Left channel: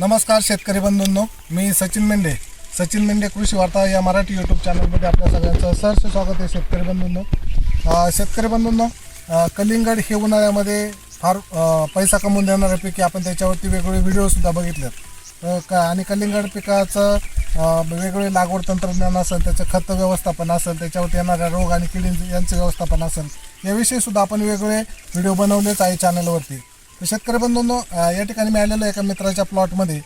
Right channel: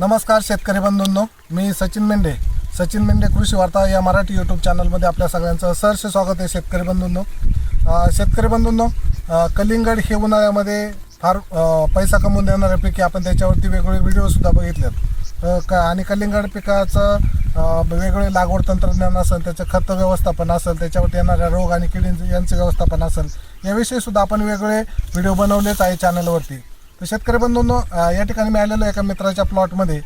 नमस्कार शेतकरी बंधूंनो मी सचिन मेंढे. सचिन मेंढे कृषी वार्ता या मराठी यूट्यूब चॅनलमध्ये आपल्या सगळ्यांचं सहर्ष स्वागत आहे शेतकरी बंधूंनो. शेतकरी बंधूंनो कलिंगड हे उन्हाळ्यामध्ये फार पैसा कमवून देणाऱ्या पिके आपण त्याच्यावरती वेगवेगळे व्हिडिओसुद्धा बघितलेत. क आणि कलिंगड पिकाचं वेगवेगळे लागवड तंत्रज्ञान असेल त्याचं खत व्यवस्थापन असेल त्याच्यावरती येणाऱ्या रोग आणि किडींचं यांचं व्यवस्थापन असेल याविषयीसुद्धा आपण वेगवेगळे व्हिडिओ बनवलेच आहे चॅनलवरती तर शेतकरी बंधूंनो या ठिकाणी मिळालेलं एका मित्राच्या प्लॉटमध्ये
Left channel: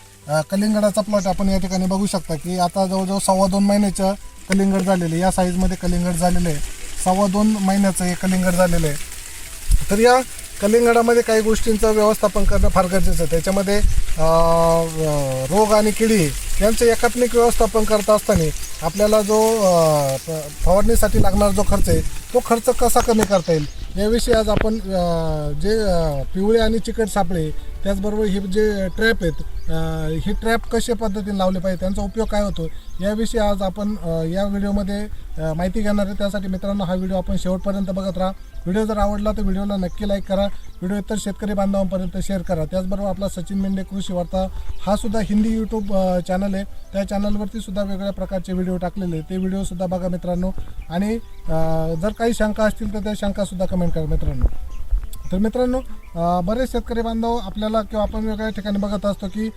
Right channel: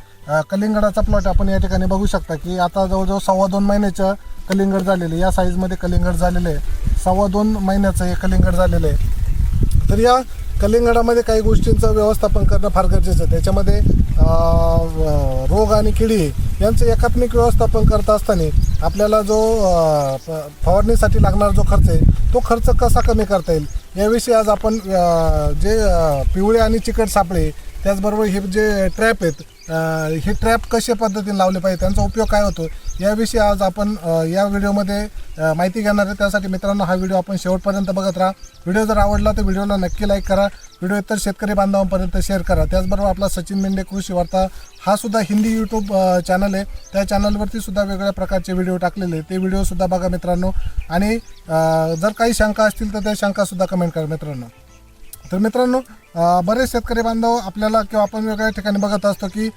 कलिंगडाचा प्लॉट आपण या ठिकाणी बघू शकता की आता जवळजवळ सव्वा दोन महिन्याचं कलिंगड झालेलं या साईजमध्ये कलिंगड झालेलं आहे. सव्वा दोन महिन्याचं हे कलिंगड झालेलं आहे. तर या कलिंगडामध्ये काही गोष्टींचं व्यवस्थापन करणं फार गरजेचं आहे. त्याच्यामध्ये रोग आणि किडी यांचं एकात्मिक व्यवस्थापन करत असताना आपल्याला जो फवारणीसाठी लागणारा जो खर्च आहे तो खर्च कसा कमी करता येईल? याविषयी आज आपण जे पिवळे आणि चिकट सापळे त्याचबरोबर हे जे ट्रॅप आहेत हे ट्रॅप कशा पद्धतीने लावले पाहिजे त्यांचा उपयोग काय होतो याविषयी आज आपण या व्हिडिओमध्ये माहिती घेणार आहे. त्यासाठी मित्रांनो हा व्हिडिओ आपण शेवटपर्यंत बघत राहा. व्हिडिओ जर आवडला तर व्हिडिओला नक्की लाईक करा. व्हिडिओ इतर शेतकरी बांधवांपर्यंत शेअर करा. त्याचबरोबर आपला सचिन मेंढे कृषी वार्ता हा सुद्धा हिंदी यूट्यूब चॅनल आहे. त्या चॅनलवरती सुद्धा वेगवेगळ्या प्रकारचे व्हिडिओ टाकलेले ते व्हिडिओसुद्धा बघा मित्रांनो. आणि जर काही शंका असतील तर त्या शंकासुद्धा कमेंट करा मित्रांनो. तर मित्रांनो बरेच शेतकरी बांधव आपल्याला किंवा आपण वेगळ्या ठिकाणी बघत असतो की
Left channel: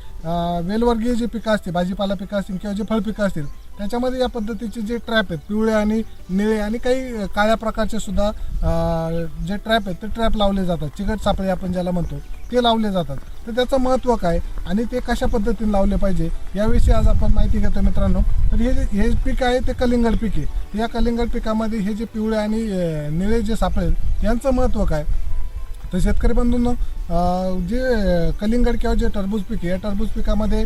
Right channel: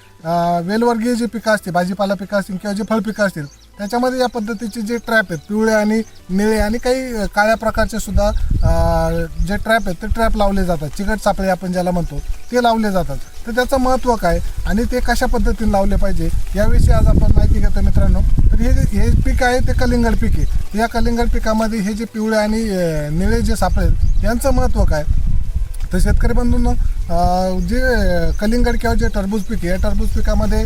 वेलवर्गीय जी पिकं असतील भाजीपाला पिकं असतील किंवा जे फळपिकं असतील त्याच्यामध्ये या पद्धतीचे जे ट्रॅप आहेत पिवळे आणि निळे आणि काही काळ्या प्रकारचे सुद्धा जे ट्रॅप आहेत ते ट्रॅप लावले जातात. चिकट सापळे आपण ज्याला म्हणतो ते लावले जातात. तर त्याचं महत्त्व काय आणि ते कशा पद्धतीने लावले पाहिजे याविषयी आज आपण माहिती घेतो मित्रांनो. तर हे जे हे पीक आहे ते कलिंगड पीक आहे या कलिंगड पिकामध्ये हे जे पिवळे आणि निळे जे सापळे यांचं महत्त्व काय? तर शेतकरी बंधूंनो जे कलिंगड किंवा जे टरबूज पीक आहे या टरबूज पिकामध्ये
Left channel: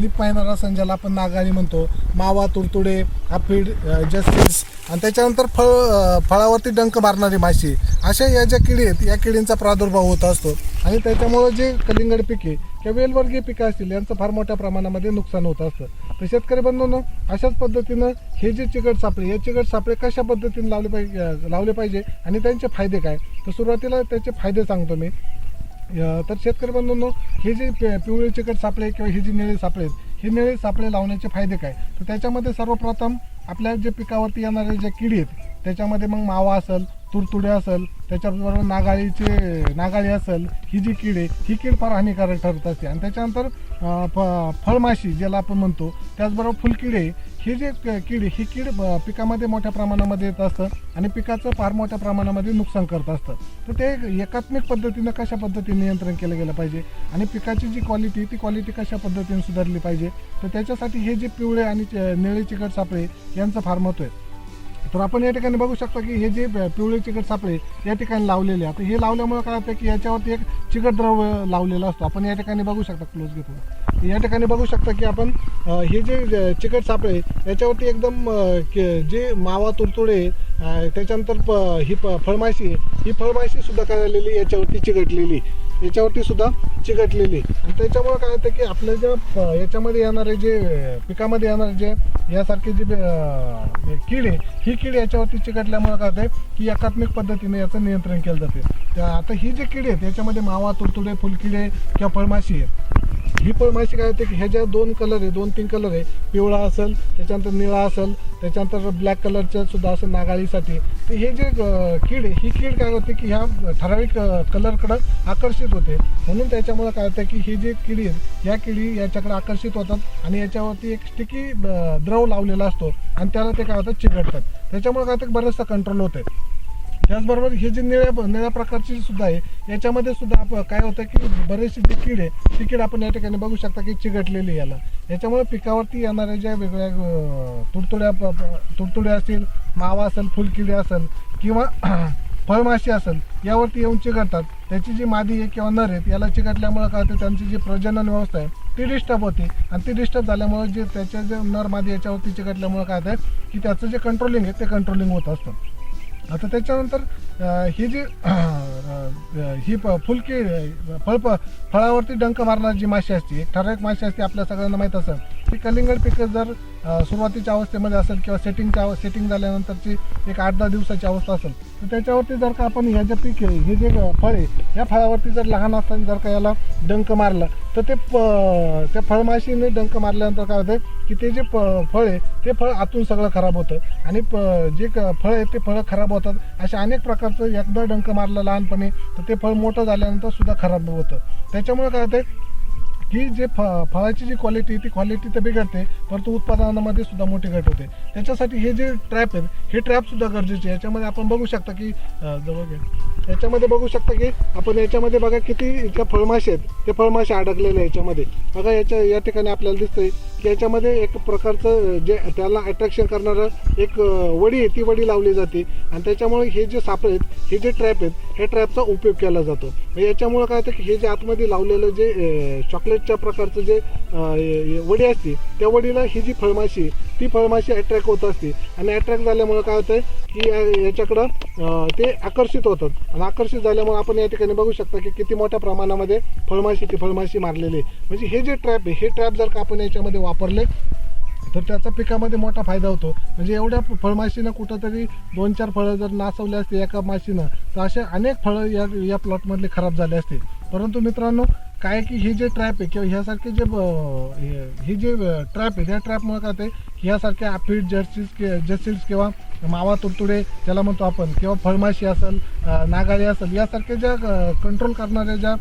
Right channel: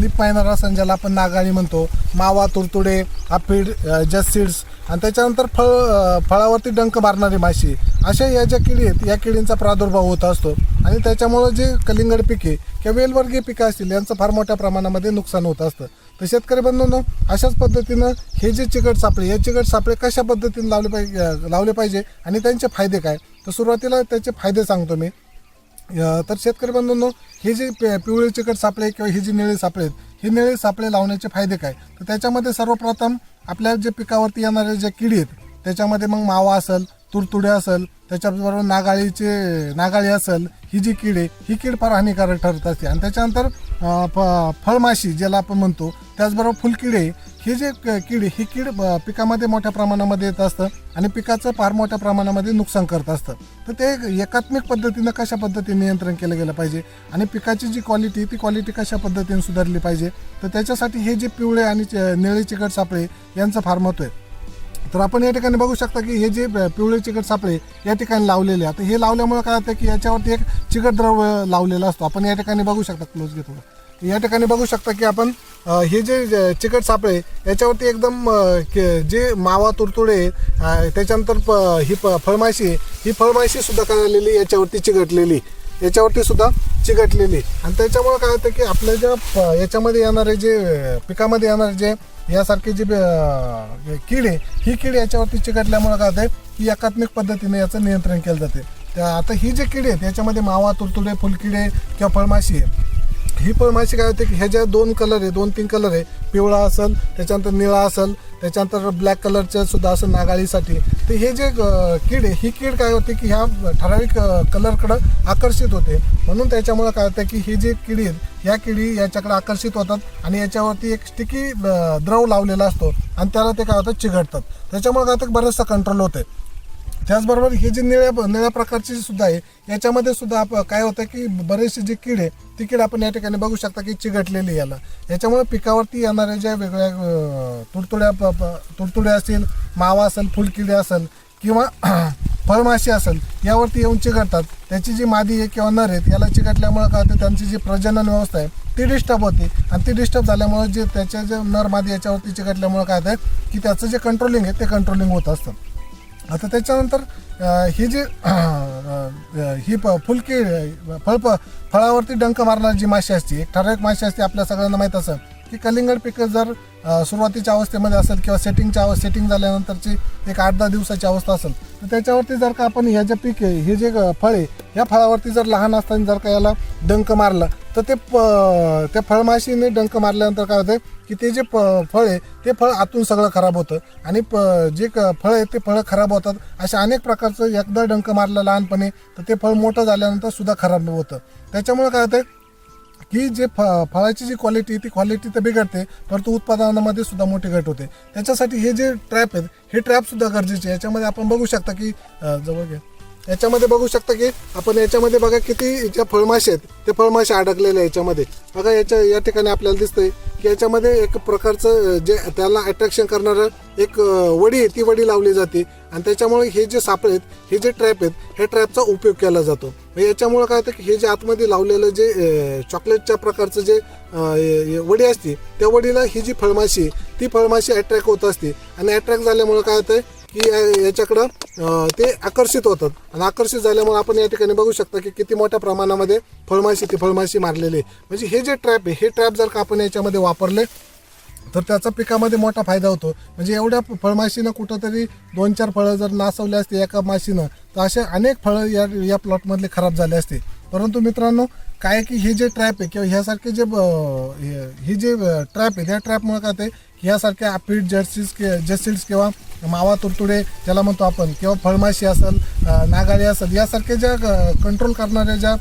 लिप मायनर असं ज्याला आपण नागाळी म्हणतो. मावा तुरतुडे आफीड जस्सीड्स आणि त्याच्यानंतर फळ फळावरती डंक मारणारी माशी. अशा या ज्या किडी आहेत या किडींचा प्रादुर्भाव होत असतो. आणि त्याच्यामुळं जे कलिंगड पिके किंवा वेलवर्गीय पिकं असतील यांचं फार मोठ्या प्रमाणामध्ये नुकसान होत असतं. तर शेतकरी बंधूंनो अशाच पद्धतीनं हे जे चिकट सापळे हे चिकट सापळे कशा पद्धतीने लावले पाहिजे लावले पाहिजे आणि त्यांचे फायदे काय? तर सुरुवातीला त्याचे फायदे सांगतो मी. तर शेतकरी बंधूंनो हे जे पि पिवळे चिकट सापळे किंवा हे जे निळे सापळे आहेत हे निळे सापळे लावण्याचे फायदे काय? तर त्याच्यामध्ये सर्वप्रथम आपल्या जे पिकावरती येणारे जे किडी आहेत त्याच्यामध्ये मग मावा असेल तुरतुडे असेल त्याच्याबरोबर नागाळीचे नागाळी असेल ही जी कीड आहे ही कीड फार हानिकारक ठरत असते. आणि त्याच्यानंतर फ फळमाशी ज्याला आपण म्हणतो त्याचबरोबर फुलकिडे ही जे क- कीड ही कीड पिकामध्ये मोठ्या प्रमाणामध्ये येत असतं आणि पिकाचं फार मोठ्या प्रमाणामध्ये नुकसान करत असतं. तर ते एकात्मिक पद्धतीनं कशा पद्धतीने नियंत्रण केलं गेलं पाहिजे? आणि पिकाची जी क्वालिटी ती क्वालिटी कशा पद्धतीने सुधारली पाहिजे? तर त्याच्यासाठी हे जे पिवळे आणि च- निळे चिकट सापळे यांचं फार महत्त्व आहे. तर आपण या ठिकाणी बघू शकता की हे जे पिवळे चिकट सापळे या ठिकाणी लावलेले आहे. आता हे लावल्यामुळे काय होतं की याच्यावरती एक चिकट द्रव्य लावलेला असतो. आपण या ठिकाणी बघू शकता क्लोज घेतो. या ठिकाणी बघू शकता की आपण हे जे चिकट सापळे याच्यावरती एकदम के- जे मावा तुरतुडे त्याच्यानंतर प- ही प- फळमाशी ही फळमाशी सुद्धा करायलेली याच्यावरती चिकटलेली. याच्यावरती सुद्धा चिकटलेली आणि त्याच्यामुळं काय होतं की आपल्या ज्या प- याच्यामध्ये येणारे जे पिकामध्ये येणारे जे यासारखे जे अ, कीड आहे ही कीड याच्यावरती चिकटल्यामुळं काय होतं की एकात्मिक पद्धतीने याचं नियंत्रण केलं जाते. त्या आता ही जी किडी आहेत याच्यामध्ये मावा तुरतुडे फुलकिडे किंवा फळमाशी आहे ही फळमाशी काय होते की ह्याच्या दोन कलर आहे दोन तीन कलर आहे पिवळा असेल त्याच्यानंतर निळा असेल त्याच्यानंतर ब्लॅक कलरचं सुद्धा असेल नागाळीसाठी. तर हे जे कीड आहे ही कीड काय होते की ह्या ठराविक कलरकडं आकर्षित होते. म्हणून त्याच्यामुळं काय होतं की ही जी किडी आहेत या किडी याच्याकडे आकर्षित होतात आणि याच्यावरती एक स्टिकी द्रव लावलेला असतो आणि त्याला ते काय होतं चिघटतात त्याच्यामुळे काय होतं बरंचसं कंट्रोल होते. त्याचबरोबर हे जे निळ्या निळ्या प्रकारची सुद्धा आहे याच्यामध्ये सुद्धा आप काय होतं की बरेचसे जे कीड आहे ती कीड आपण या ठिकाणी बघू शकता की चिघटलेली याला. याच्यामुळे पिकावरती येणाऱ्या ज्या वेगळ्या तुडतुड्या तुडतुड्या असेल मावा असेल फुलकिडे असेल किंवा फळमाशी असेल यावरती येऊन चिघटतात. त्याची जी मादी आहे किंवा नर आहेत याला चिघटल्यामुळं काय होतं त्यांची जी प्रजनन व्यवस्था आहे ती डिस्टर्ब होते. आणि ती डिस्टर्ब झाल्यामुळे जे त्याच्या जे नर मादी याच्यावरती चिघटल्यामुळं काय होतं की त्याचं जे कंट्रोलिंग आहे ते कंट्रोलिंग होत असतं. आता त्याच्यानंतर हे ही जी ही प फुलकी फळ फळावरती डंक मारणारी जी माशी असते एक ठराविक माशी असते आपल्या सगळ्यांना माहीत असं की कलिंगड पिकं जर सुरुवातीच्या अवस्थेमध्ये असेल किंवा सेटिंगच्या अव सेटिंग झाल्यानंतरची एक आठ दहा दिवसाची अवस्था असेल तर त्याच्यावरती जर का आपण ह्या जे पीक आहे हे जे ग- फळ आहे या फळावरती जर लहान असताना जर का याला डंक मारला तर ते प त्या फळमाशीने डंक मारल्यानंतर काय होतं की ते जे प फळ आहे ते फळ आतून सगळं खराब होतं. आणि प जे क फळ आहे ते फळं खराब होतात. अशा अनेक प्रकारचं एकदा डंक मारलं लहानपणी तर ते फळ मोठं झाल्यानंतर सुद्धा खराब होतं. त्याच्यामुळे काय होतं की जे फ फळाची जी क्वालिटी ती क्वालिटी तर बिघडते परंतु उत्पादनामध्ये सुद्धा मोठी घट होते. त्याच्यासाठी हे जे ट्रॅप आहेत हे ट्रॅप सुद्धा गरजेचे याच्यामध्ये आपण बघू शकता की जवळ घ्या. याच्यामध्ये बघू शकता की आपण याच्यामध्ये बघा किती ज्या फळमाशी आहेत ते फळमाशी अडकलेले आहे याच्यामध्ये. बघा याच्या या ठिकाणी आपल्याला दिसतंय की याच्यामध्ये एक प्रकारचं जे त्याला अट्रॅक्शन करणारं एक वडी आहे ती वडी लावली जाते. आणि त्याच्यामुळे हे जे सापळे आहेत हे जे ट्रॅप आहेत ह्या ट्रॅपचा उपयोग केला जातो. मग काय होतं की हे जे आतमध्ये लावलेलं जे चॉकलेटच्या प्रकारचं जे वडी असते त्या वडीला ही जी फळमाशी आहे, ती फळमाशी अट्रॅक्ट होत असते. आणि अट्रॅक्ट झाल्यामुळे काय होतं की या- याच्याकडं ते आकर्षित होतात. आणि आकर्षित झाल्यामुळे आपण या ठिकाणी बघू शकता की किती मोठ्या प्रमाणामध्ये फळमाशी ती फळमाशी मारलेली आहे. म्हणजे हे जे ट्रॅप आहे हे ट्रॅप जर का आपण याच्यामध्ये वापरले तर त्याचा पिकामध्ये मोठा फायदा होतो. म्हणजे एवढ्या फळमाशीनं कुठंतरी दोन चार फळं जर नासवले असते एका माशीनं तर असे अनेक फळं या या प्लॉटमधले खराब झाले असते. परंतु मित्रांनो काय की हे जे ट्रॅप आहे किंवा ह्यासारखे जे ब- हे- जे ट्रॅप आहे त्या ट्रॅपमुळे काय ते ह्यासारख्या अपीड जर्सीज जर्सीड्स किंवा मावा तुडतुडे ज्याला म्हणतो आपण किंवा फळमाशी असेल नागाळी असेल यासारखे ज्या कंट्रोल करणाऱ्या ज्या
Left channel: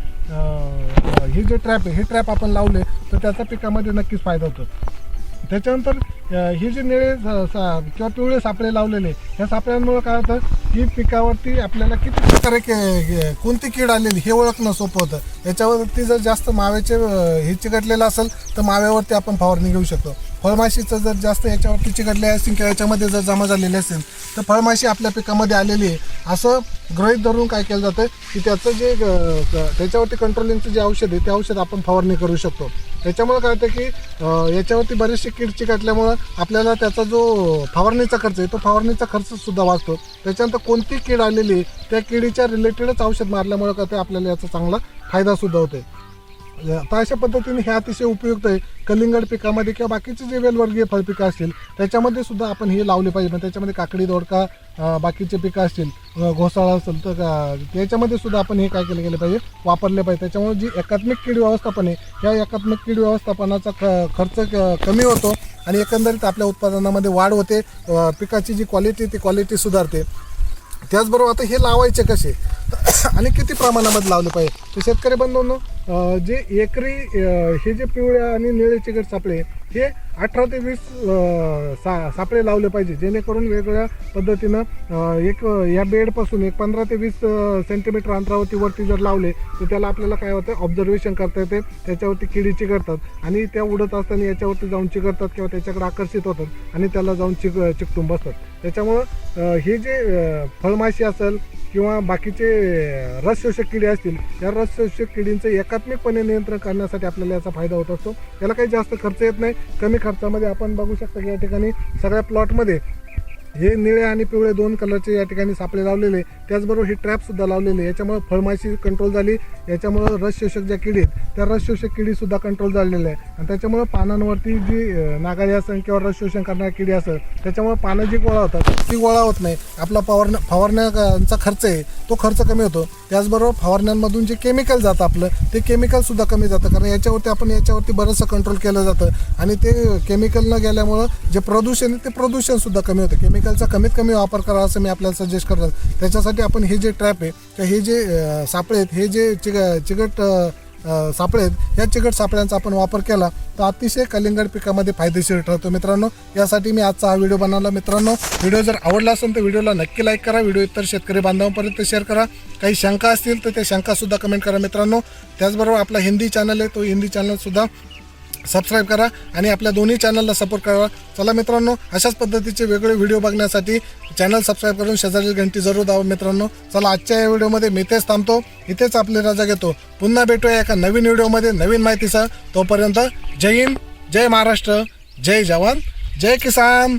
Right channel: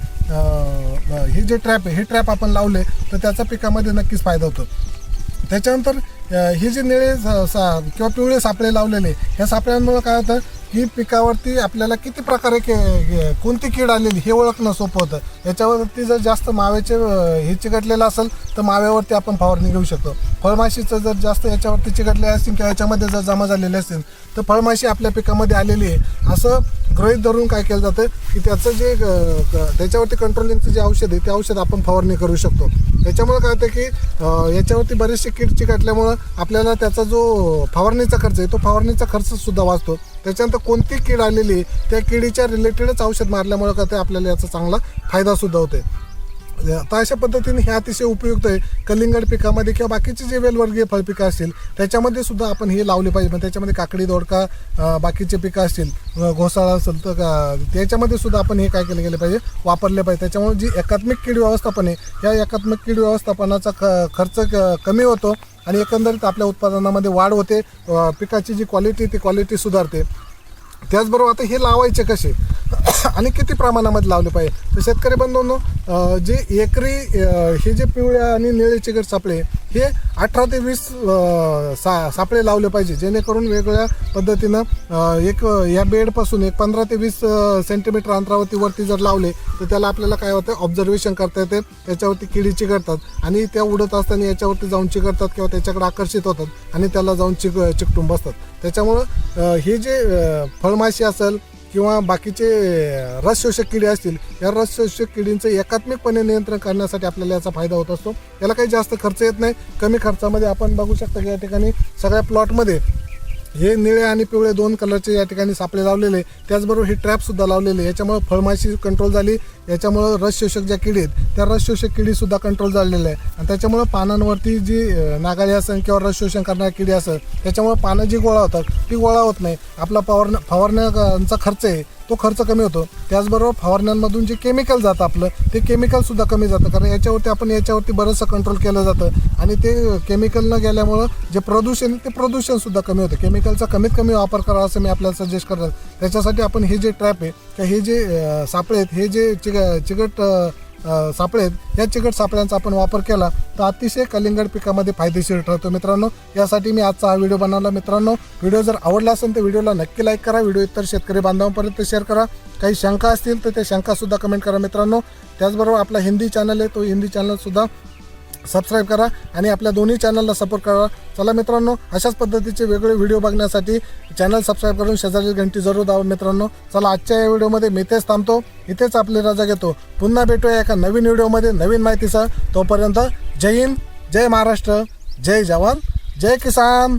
हे जे ट्रॅप आहे हे ट्रॅप आपण लावले तर त्याचा पिकामध्ये नक्कीच फायदा होतो. त्याच्यानंतर हे जे निळे सा- किंवा पिवळे सापळे लावलेले ह्या सापळ्यांमुळे काय होतं की पिकावरती आपल्याला किती प्रकारे के कोणती कीड आलेली हे ओळखणं सोपं होतं. याच्यावरती जर जास्त माव्याचे हे चिकटलेलं असेल तर माव्यावरती आपण फवारणी घेऊ शकतो. फळमाशीचं जर जास्त याच्यावरती चिकटले असतील किंवा याच्यामध्ये जर जमा झालेले असेल तर फळमाशी आपल्या पिकामध्ये आलेली आहे. असं गृहीत धरून काय केलं जातं की त्याचं जे त्याच्यावरती कंट्रोलिंगचं जे औषध आहे ते औषध आपण फवारणी करू शकतो. त्याच्यामुळे काय होतं की याच्यावरती बरेचसे किडची चिकटल्यामुळं आपल्याला त्याचा जो फवारणीचा खर्च आहे तो फवारणीचा खर्च सुद्धा वाचतो. त्याच्यानंतर कोणती कीड आलेली त्या किडीच्या रिलेटेडच औषध मारल्यामुळे काय ते आपल्याला याचा चांगला फायदा सुद्धा तर आता अशा पद्धतीने हे अतिशय उपयुक्त आहे. कलिंगड पिकामध्ये किंवा बाकीचे जे वेलवर्गीय फळपिकं असतील त्याच्यामध्ये सुद्धा आपण हे लावले पाहिजे. मग त्याच्यामध्ये काकडी दोडका बाकीचे पिकं असतील घोसाळा असेल तर त्याच्यामध्ये सुद्धा आपण हे काय केलं गेलं पाहिजे? वापरले पाहिजे. त्याच्यामुळे जी एकात्मिक कीड व्यवस्थापन आहे या एकात्मिक कीड व्यवस्थापनाचा ख खर्च क- कमी होतो आणि एकंदरीत आपल्या उत्पादनामध्ये वाढ होते. पिकाची जी क्वालिटी ती क्वालिटी सुधारते. त्याचबरोबर आता हे लावायचे कसे? आणि किती प्रमाणामध्ये लावले पाहिजे? तर शेतकरी बंधूंनो जे एकरी हे जे पिवळ्या आणि निळे चिकट सापळे हे अठरा ते वीस सा सापळे लावले पाहिजे जेणेकरून वेगवेगळ्या पद्धतीनं एक या बेडपासून एक पंधरा ते वीस सेंटीमीटर अंतरावरती वरती जर लावले तर त्याला आपल्याला काय होतं ऑब्झर्वेशन करता येते त्याच्यावरती किडी चिकटतात आणि त्या उडत असताना याच्यावरती जाऊन चिकटतात किंवा त्याच्याकडे आकर्षित होतात आणि त्याला जाऊन चिक चिकटून बसतात. त्याच्यामुळं हे जे फळमाशी असेल किंवा बाकीचे रसशोषक रस शोषक किडे असतील या रस शोषक किडींचं एकात्मिकपणे नियंत्रण करण्यासाठी आपल्याला याचा फायदा होत असतो. याला काही जास्त खर्च येत नाही. कमी खर्चामध्ये आपण बघू शकता की या ठिकाणी सगळ्या प्लॉटमध्ये हे निळे आणि पिवळे दोन कलरचे या ठिकाणी सापळे लावलेले. त्याचबरोबर हे ट्रॅपसुद्धा लावलेले. याच्यामुळं फळमाशी कंट्रोल झाली. याच्यामुळं रस शोषक ज्या किडी आहेत त्या रस शोषक किडी सुद्धा कंट्रोल झालेलं आहे. आणि त्याच्यामुळं पानांवरती जी नागाळी असेल किंवा रस शोषण करणारी किडी असेल त्याच्यामुळे पानं जी गोळा होतात ती गोळा होत नाही. आपला फवारण्या फवारण्याचा खर्च आहे तो खर्च कमी होतो. त्याचबरोबर फवारण्यांमधून जे केमिकल जातं आपलं ते केमिकल सुद्धा कमी जातं. कारण याच्यावरती आपण याच्यावरती बरंचसं कंट्रोल केलं जातं. आणि ते केमिकल न गेल्यामुळं जे प्रदूषण आहे ते प्रदूषण सुद्धा कमी होतं. केमिकलचा कमीत कमी वापर करावा असं मी आपल्याला सजेस्ट करतो. त्याच्यासाठी आपण हे जे ट्रॅप आहे किंवा हे जे सापळे आहेत हे जे चिक चिकट सापळे आहेत. या चिकट सापळ्यांचा आपण वापर केला तर अतिशय कलिंगड पिकामध्ये फायदेशीर ठरतो मित्रांनो. यासाठी मी आजचा हा व्हिडिओ बनवला. मित्रांनो व्हिडिओ जर आवडला असेल तर व्हिडिओला नक्की लाईक करा. व्हिडिओ इतर शेतकरी बांधवांपर्यंत शेअर करा. काही शंका असतील तर त्या शंकासुद्धा कमेंट करा मित्रांनो. त्याचबरोबर आपला हिंदी चॅनल आहे तो हिंदी चॅनलसुद्धा सबस्क्राईब करा आणि आपल्या दोन्ही चॅनलला सपोर्ट करा. चला मित्रांनो अशाच पद्धतीचे वेगळे व्हिडिओ बघण्यासाठी चॅनल सबस्क्राईब करून शेजारी घंटी जरूर दावा मित्रांनो. चला आजच्या या व्हिडिओमध्ये मी तेच थांबतो. इथेच आपली रजा घेतो. पुन्हा भेटूया एका नवीन व्हिडिओमध्ये नवीन माहितीसह. तोपर्यंत जय हिंद जय महाराष्ट्र जय जवान जय किसान.